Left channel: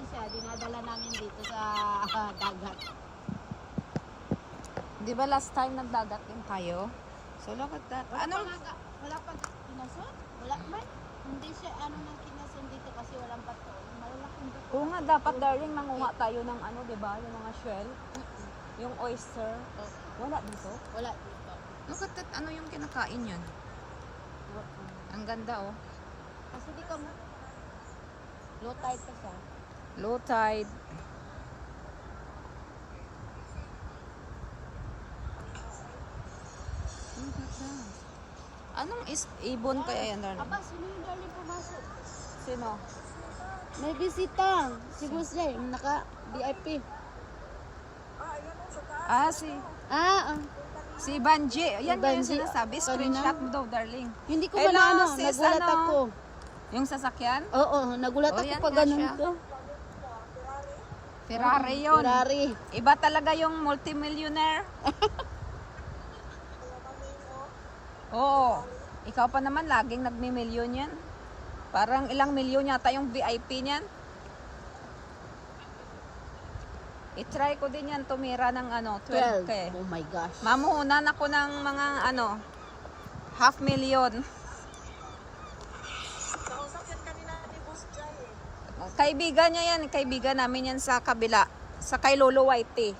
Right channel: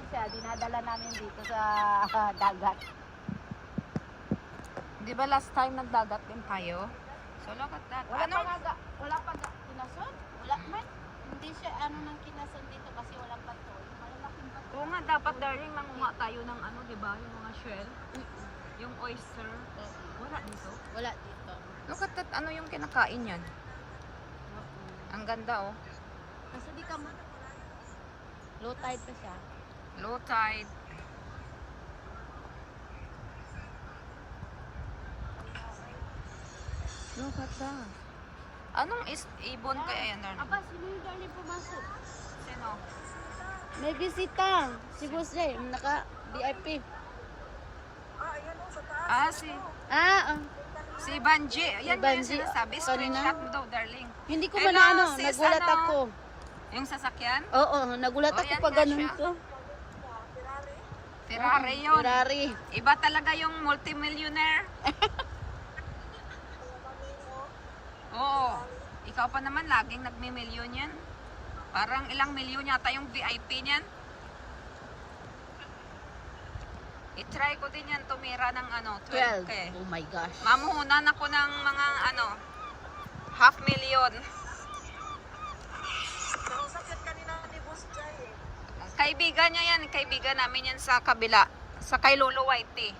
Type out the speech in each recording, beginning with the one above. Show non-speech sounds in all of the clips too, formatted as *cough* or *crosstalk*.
yan siya, dinadala namin dito sa *laughs* dagat. Di ba last time nagdagat din tayo? So look at that. Wala Ano? pa nga, wala pa nga kinason? Wala man. Hindi siya ano ng kinason dito kasi walang bato. Malalaking bato. Kung nga dapat darling mangunga tayo ng ano, di ba? Yung mga shell. Yung oyster. Wala dito. Wala. Look at that. Ano yung kinakain yan? Ang ganda oh. Kasi di ka low tide ka siya. Low tide. Look at that. Anong is ibon kaya yan? Aba, sino yung darling pumasok? Sino? May bisita. Si Jose, yung naka VIP. Ah, si Ah, ah. si Banji. Yan nga yung Banji. sinasabi. Screenshot mo daw, darling. hindi ko Hello, man ano, sis, nagulat ano? ako. Yung sasakyan? Oo, nagulat Oh, ako yan pag nga ganun siya. ko. Ferrari yun. Ferrari. Iba talaga yung multimillionaire. *laughs* Oo. Ikaw pa naman laging nagmi-milyon yan. Parang ilang milyon yata yung VIP niyan. I-try ko din yan tumira ng ano, 12k. Oh my gosh. Mamuhunan ako ng mga ano, half million. *laughs* Kaibigan niya yan, kaibigan namin yan sa kabila, sa kay Lolo Whitey.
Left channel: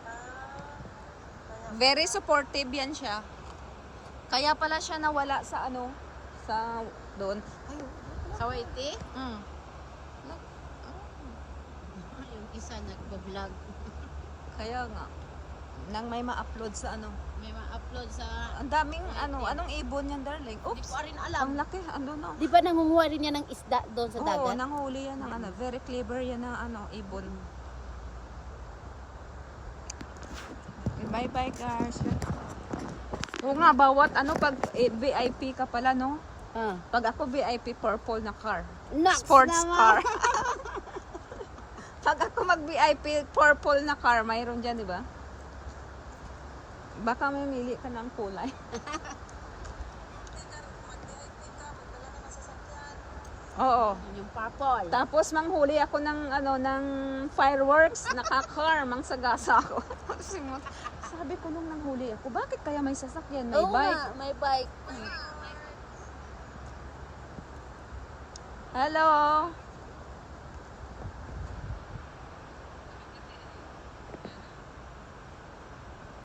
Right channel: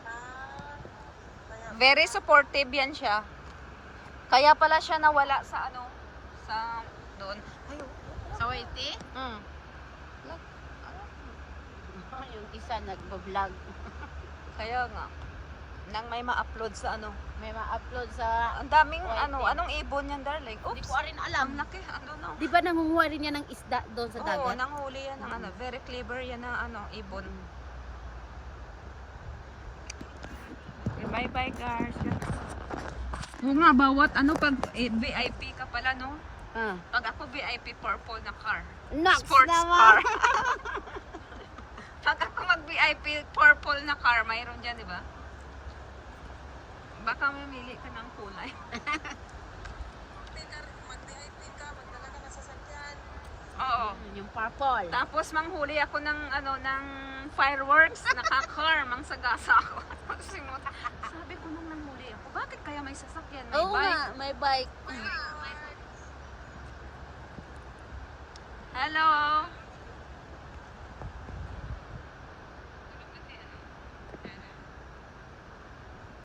Very supportive yan siya. Kaya pala siya nawala sa ano, sa doon. Ayo. Sa Waiti? Mm. yung isa nag-vlog. Kaya nga, nang may ma-upload sa ano. May ma-upload sa... Ang daming ano, anong ibon yan darling? Hindi Oops. ko rin alam. Ang laki, ando na. Di ba nangunguha rin niya ng isda doon sa Oo, dagat? nanghuli yan ng ano. Very clever yan ng ano, ibon. Okay, bye-bye guys. Oo nga, bawat ano, pag eh, VIP ka pala, no? Ah. Pag ako VIP, purple na car. Nuts Sports naman. car. *laughs* pag ako mag-VIP, purple na car, mayroon dyan, di ba? Baka mamili ka ng kulay. Oo. Yun Yung purple. Tapos manghuli ako ng ano ng fireworks, naka-car, mangsagasa ako. *laughs* Simot. Sabi ko nung manghuli ako, bakit kaya may sasakyan, may Oo bike? nga, may bike. Hello.